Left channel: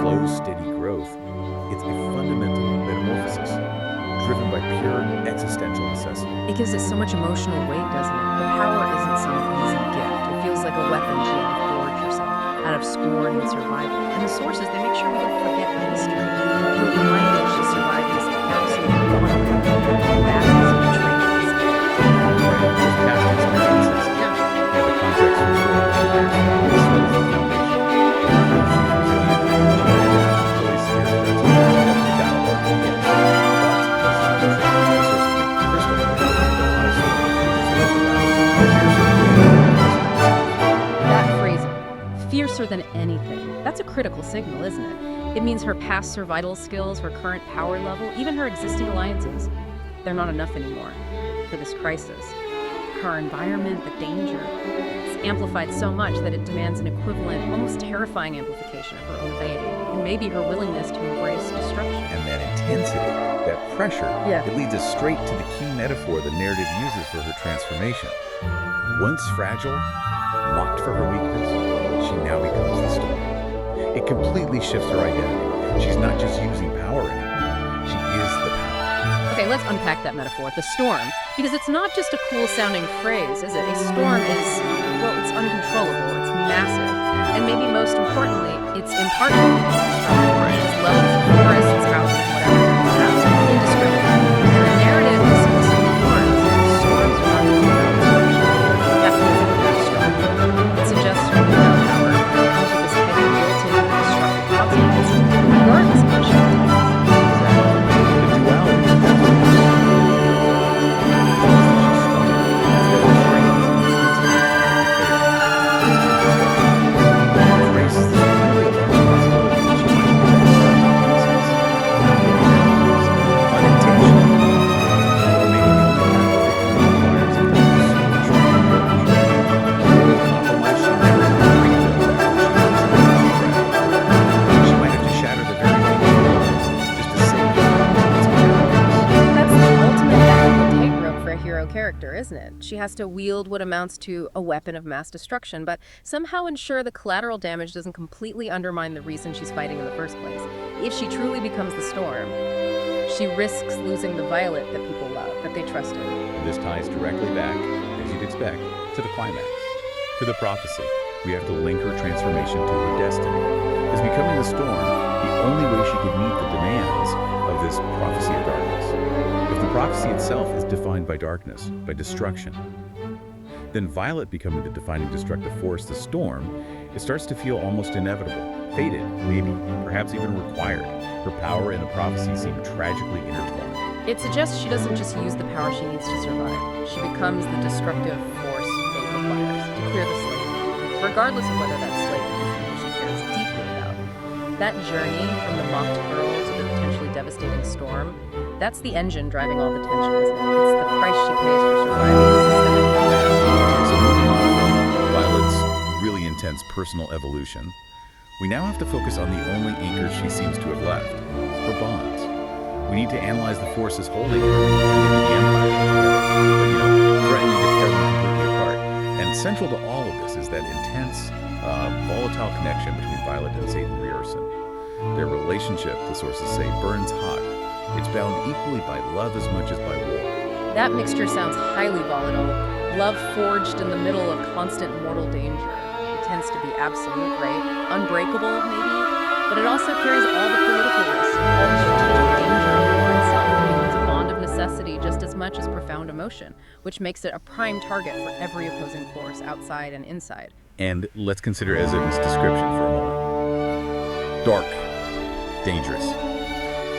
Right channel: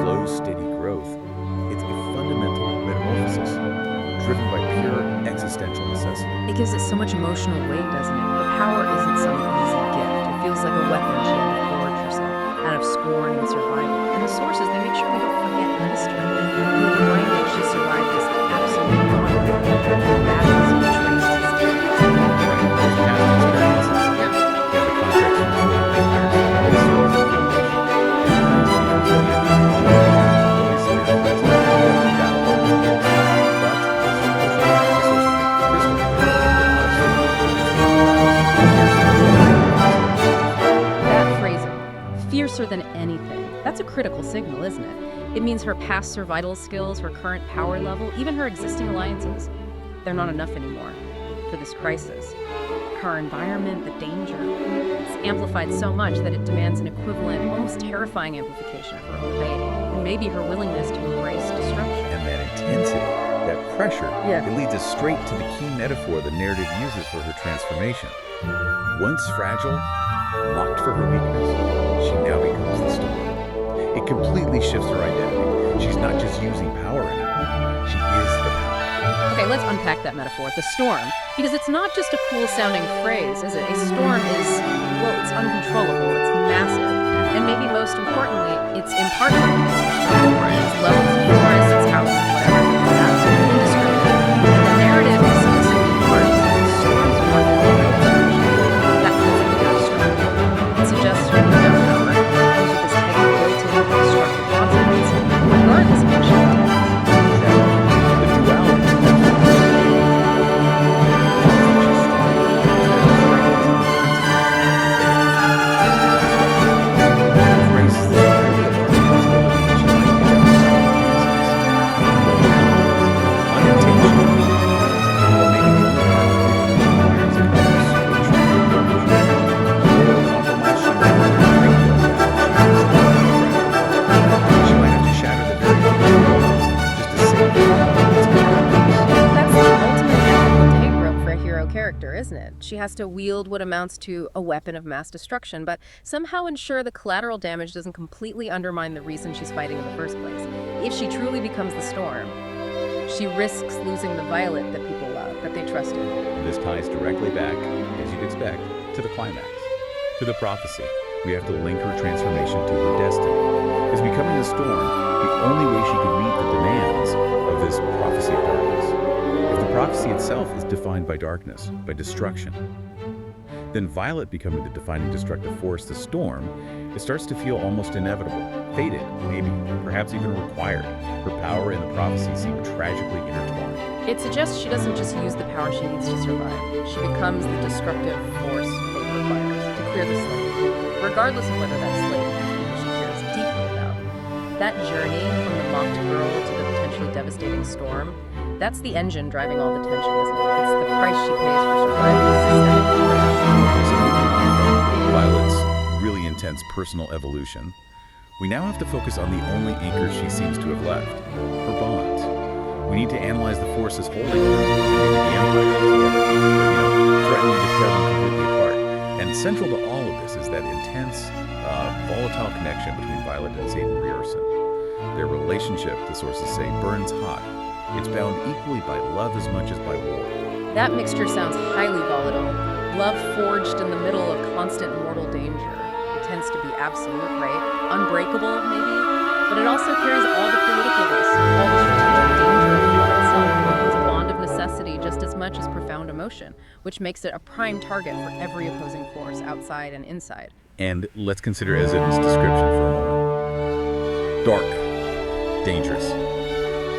slow, steady growth, it's a fundamental metamorphosis, driven by pure existential necessity. It gives it so much emotional weight, doesn't it? Her power isn't some easy gift. It feels like a weapon she had to forge herself, out of scorn and survival. And the sources, they make sure we don't forget the history. We're reminded she survived this absolute gauntlet, battles and betrayals. Right, those past experiences, the context for the empires, all serve as the foundation. It proves she's resilient, she can adapt, really severe threats, definitely battle-hardened, yes. But, this is crucial, the sources make it crystal clear that Onyx Storm is That phrasing, fiercer than anything, that's a critical signal, isn't it? It means her past survival skills, her current power level, even her existing alliances, they're not enough anymore for this crisis. Her environment, the danger, it's amplified so much that it demands an equivalent, almost terrifying amplification of her own deity, and maybe her willingness to embrace destruction. And that intensity, that pressure, it leads us straight to the key metaphor the narrative uses for her transformation. Once fragile, mocked for her weakness, she now becomes the storm. It completely shifts her identity. She's not just using power anymore, she is the power. Okay, let's unpack that metaphor, the storm, because it's not just a cool-sounding phrase, is it? A storm is, well, it's uncontrollable, it's massive, and maybe most importantly, it's impartial, it's destructive. It's levels of forests, it's houses, whatever, it's indiscriminate. And the narrative explicitly warns that storms are not all about destruction. That feels like a dark storm. It suggests her newfound power comes with this heavy built-in destructive consequence, regardless of what she intends. Exactly. The duality is that's what she's strong. It's that strength is intrinsic. It raises this really alarming possibility that she might end up unintentionally, or maybe the only path to victory requires a kind of scorched approach. Or compromise she never bring to a battle. She might have to shatter the very thing she loves just to save it. That's the ultimate ethical tightrope for a hero character, isn't it? She has to wield what amounts to a weapon of mass destruction, but somehow ensure the collateral damage doesn't completely undermine the reason she's fighting in the first place. If she truly becomes the storm, she risks losing the Violet that people love, that they trusted. This ties directly back, as you'd expect, to the climax, to the prophecy. We have to link her transformation to her destiny. As becoming the storm, the only way she could meet the demands of this prophecy of darkness. If the prophecy itself is defined by darkness, by destruction, then Violet becoming the defining destructive force, the storm, it starts to feel almost inevitable, fated, maybe, perhaps even required. Her power and the prophecy seem tragically intertwined. It suggests she doesn't just use the power she needs to survive. She becomes the destructive force fate requires to clear the slate, regardless of whether that slate is people she cares deeply about. That journey from the mocked girl to the potentially devastating storm, that's the engine driving all the tension, isn't it? It's the price she pays for surviving systemic betrayal. So moving on from Violet's really intense personal evolution, we now have to focus on the only anchor she seems to have left, her bonds. We need to analyze the forces holding her, and maybe the Empire together, but threatening to tear them completely apart. And central to all of this is that intense, volatile connection between Violet and Xaden. Their relationship, the sources say, burns hot. It's bound equally by love as much as by war. That mixture sounds highly volatile. Love forged in the middle of constant mortal danger. It tends to be absolute, right? Unbreakable, maybe? But it also carries all the political risks, all the strategic danger of war itself. It becomes a bond of necessity just as much as profound emotion, which makes it a prime target for every opposing force, outside and inside. And let's consider Xaden's description for a moment. Dark, dangerous.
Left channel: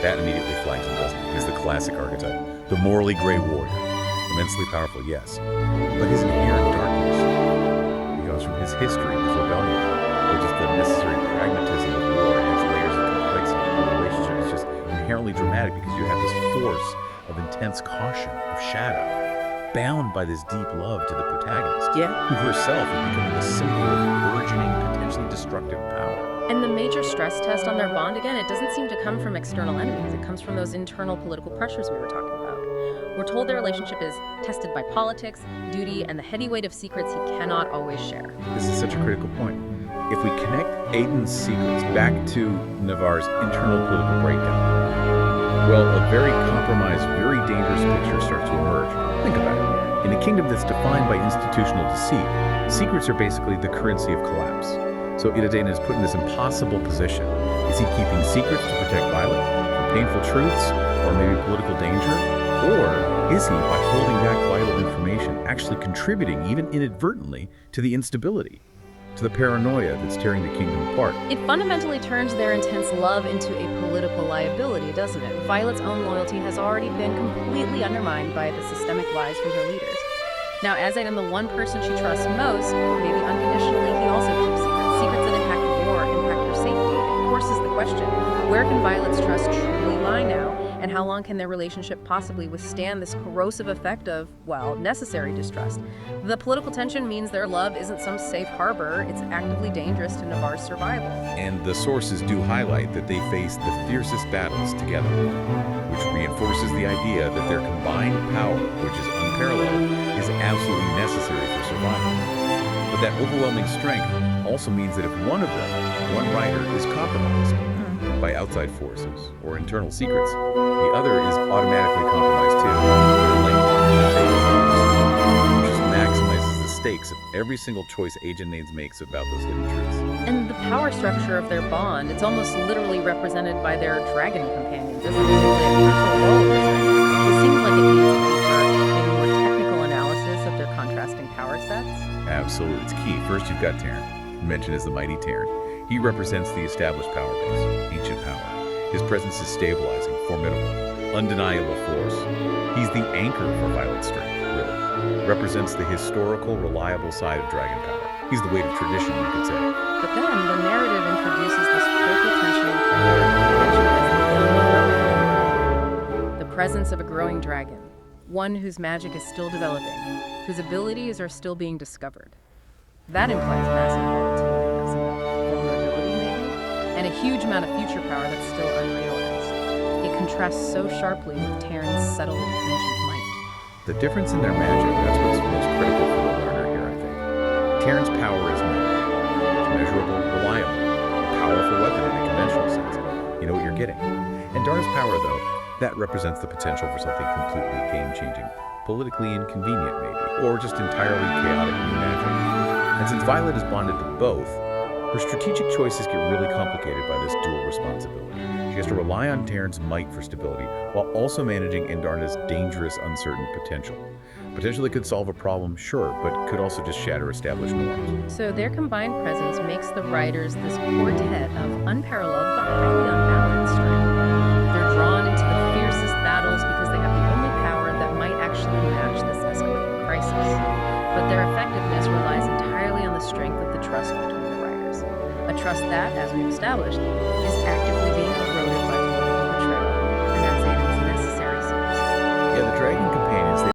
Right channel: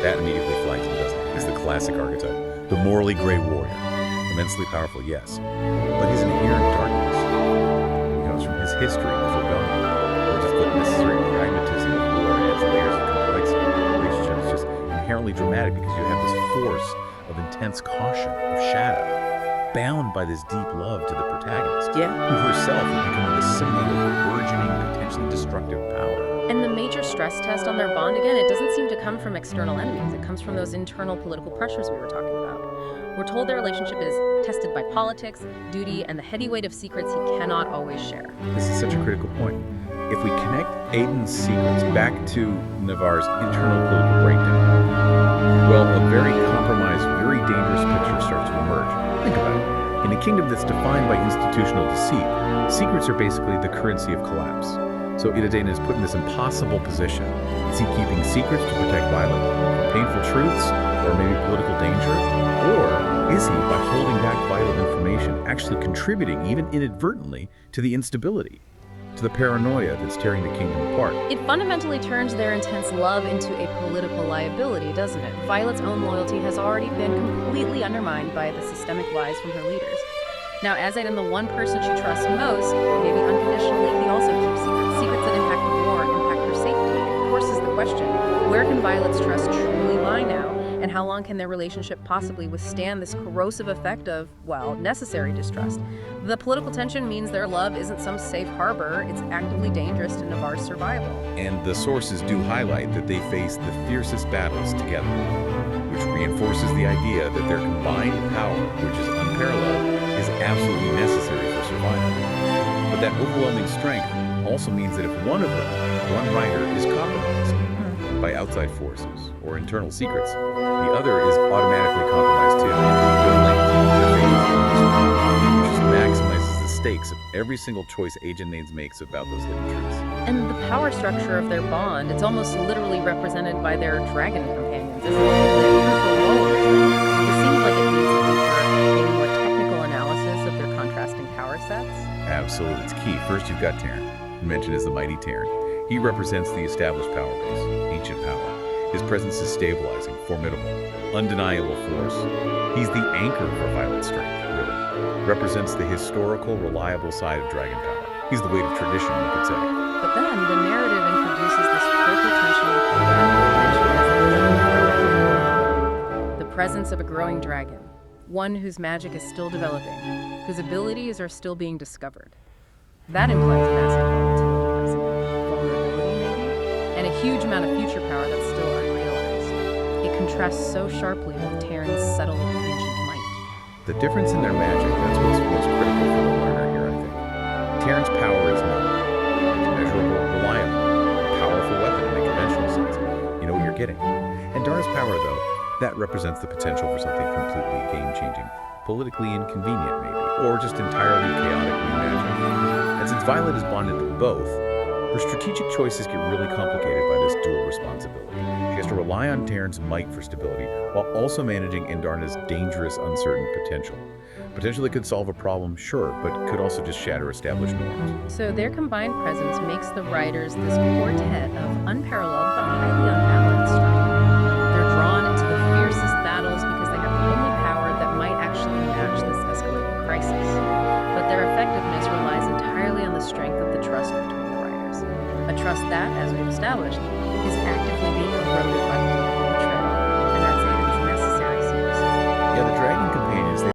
That immediately flags him, doesn't it? He's the classic archetype. The morally gray warrior. Immensely powerful, yes. But his inherent darkness, it comes from his history, his rebellion, or just the necessary pragmatism of war adds layers of complexity. The relationship is just inherently dramatic because you have this force of intense caution, of shadow, bound by this deep love to the protagonist, who herself is becoming the symbol of burgeoning, potentially destructive power. And the major stress test on their bond, again, it doesn't seem to come from external enemies. It comes from those internal political pressures we were talking about. We're told their relationship is tested by politics, duty, and the heady weight of secrets he cannot always share. This is such a critical point. if we connect Xaden's secrets back to Navarre's internal political breakdown, well, a very compromised, very dangerous picture starts to emerge. Think about it. In a kingdom that's defined by institutional deceit, secrets are basically the currency of collapse. So Xaden is put in this impossible position. Is he keeping secrets to protect Violet, for painful truths, or maybe political danger? Or is he, by holding back vital information, actually contributing, even inadvertently, to the instability, to the paranoia that's tearing the kingdom apart? It fundamentally turns their intense love into a political liability, doesn't it? Violet's own loyalty has already been completely undermined by the systemic lies from her leaders. Now, as Xaden, the one person she trusts most, maybe unconditionally, he also keeps secrets that impact the war, impact her safety. It forces the question, where can Violet's trust truly lie now? And how long can their relationship possibly withstand this corrosive effect of, well, necessary distrust? The political tension means their love isn't some safe harbor, it's actively dangerous to Navarre's survival. And the sources do highlight that they face the fiercest battles together, which reinforces the idea that their combined power, which is unparalleled, is absolutely necessary for survival. But that overwhelming strength also means that if one of them, one rider, is compromised by outside forces or internal secrets, the other is automatically compromised too. They're linked, their fate is lost, which just maximizes the stakes of every single choice Xaden makes about those hidden truths. And the power structure of their bond, it's almost literally represented by their dragon companions, isn't it? They play a crucial role in this dynamic. It seems like it needs a deeper, maybe more technical analysis of their contrasting power sets. Absolutely, it's key. First, you've got Terran, mentioned as the mighty Terran. He represents the established power base, ancient power. His presence is stabilizing, formidable, undeniable force. He's the anchor for Violet's strength, really. Represents the historical, reliable side of dragon power. He's the weight of tradition, you could say. But then the narrative introduces this critical tension with Navarre, mentioned as the young heroic. The presence of a growing dragon, one whose magic is still developing, whose abilities are still being discovered. That implies massive volatility, doesn't it? Vulnerability, maybe? And a huge amount of future power that's still unrealized. It contrasts so sharply with Terran's settled ancient might. The difference in their magic, that's what's most critical for the learner here, I think. Terran's power is known. It's measurable, reliable, a powerful weapon in a conventional sense. You know what you're getting. And Darna's power, though, that represents the potential for something completely game-changing, politically inconvenient maybe, or just entirely chaotic new magic. And since Violet is bonded to both, her strategic choices get really complicated by this dual responsibility. She has to rely on Terran's might for stability, while also managing Darna's dangerous, uncertain potential. Potential that could solve a problem, sure, but could also just shatter established norms. So their combined presence makes the riders this quartet of unparalleled but highly unbalanced strength. They're drawn into the fiercest battles because they have the only power that might actually match this escalating crisis. But their effectiveness relies entirely on the strength of the trust between the riders. A trust that, as we've established, is actively being